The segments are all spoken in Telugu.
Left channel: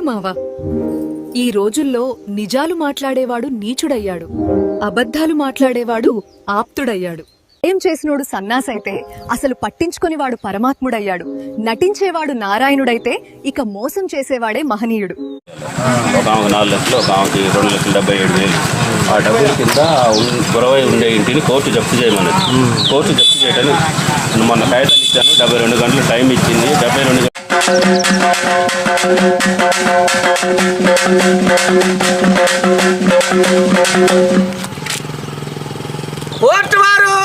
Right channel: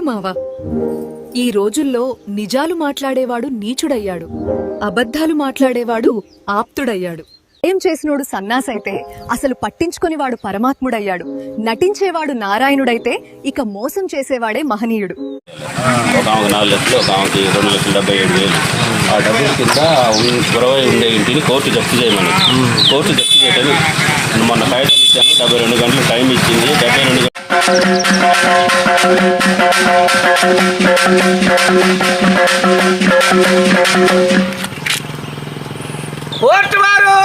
తోడు మావ. ఈ రోజుల్లో నిజాలు మాట్లాడేవాడు నీచుడయ్యాడు, అబద్ధాలు మాట్లాడేవాడు ఆప్తుడయ్యాడు. ఏం చేసినోడు సన్నాసైతే అసలు పట్టించుకునేవాడు పరమాత్ముడయ్యాడు. నటించేవాడు నారాయణుడైతే ఇక మోసం చేసేవాడే మహనీయుడు. ఒక ఆమెకు 4 లక్షలు, ఒక ఆమెకి 2,77,000. ఆ డబ్బుల కింద గురవై ఉండే ఇంటిని కోర్టు జప్తు చేయమని, కోర్టు జప్తు చేయడానికి మొన్న కాగితం ఇచ్చాను. 72 గంటలు టైం ఇచ్చింది. 72 గంటలు కోర్టు వారు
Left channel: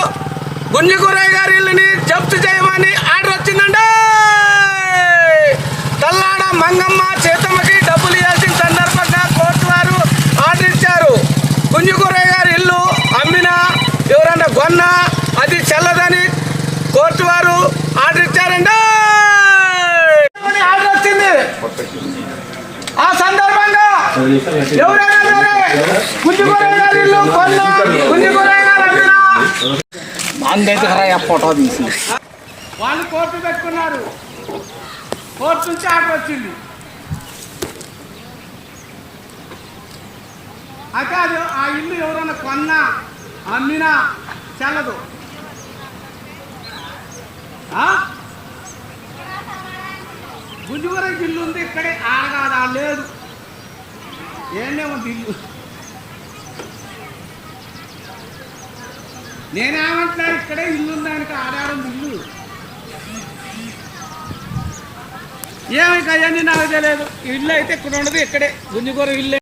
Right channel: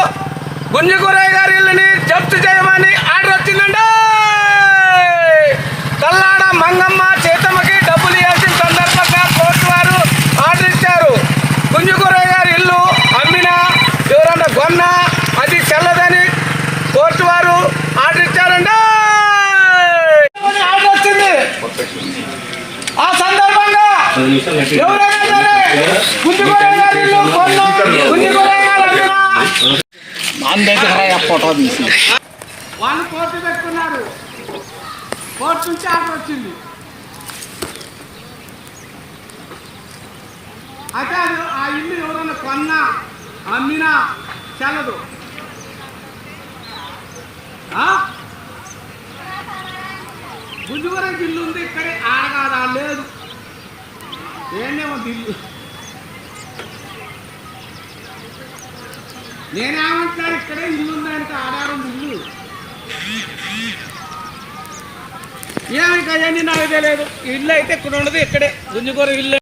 గుంజుగురయ్య గారి ఇల్లుని జప్తు చేయమని ఆర్డర్ వచ్చిందండి. తల్లాడ మంగమ్మ చేతమ్మకి డబ్బులు ఇవ్వాల్సిన సందర్భంగా కోర్టు వారు ఆర్డర్ ఇచ్చారు. గుంజుగురయ్య గారి ఇల్లు అమ్మినా ఎవరన్నా కొన్నా అది చెల్లదని కోర్టు వారు ఆర్డర్ ఇచ్చారండి. ఆర్డర్ వచ్చింది. ఆ సందర్భంగా ఎవరైనా సరే గుంజుగురయ్య గారి ఇల్లు కొన్నా, గుంజుగురయ్య గారు అమ్మినా ఫోటో తీసి వాళ్ళు కోర్టు పెట్టుకున్నారు. కోర్టు నుంచి ఆర్డర్ వచ్చింది. అయితే అది ఆ ఇల్లు ఎవరైనా కొన్నా అమ్మినా చెల్లదు. గుంజుగురయ్య ఇల్లు ఉంది ఇక్కడే, ఆడగాదా లేదు, ఏందేమో ఇల్లు. నేనేమంటున్నాను, ఇక్కడే ఇల్లు ఉందంటే ఆడారుంది ఇల్లు. ఏమంటే అవన్నీ నాకు తెలియదు. ఇల్లు అయితే ఇక్కడ ఉండదు, ఇక్కడే గుంజుగురయ్య ఇల్లు.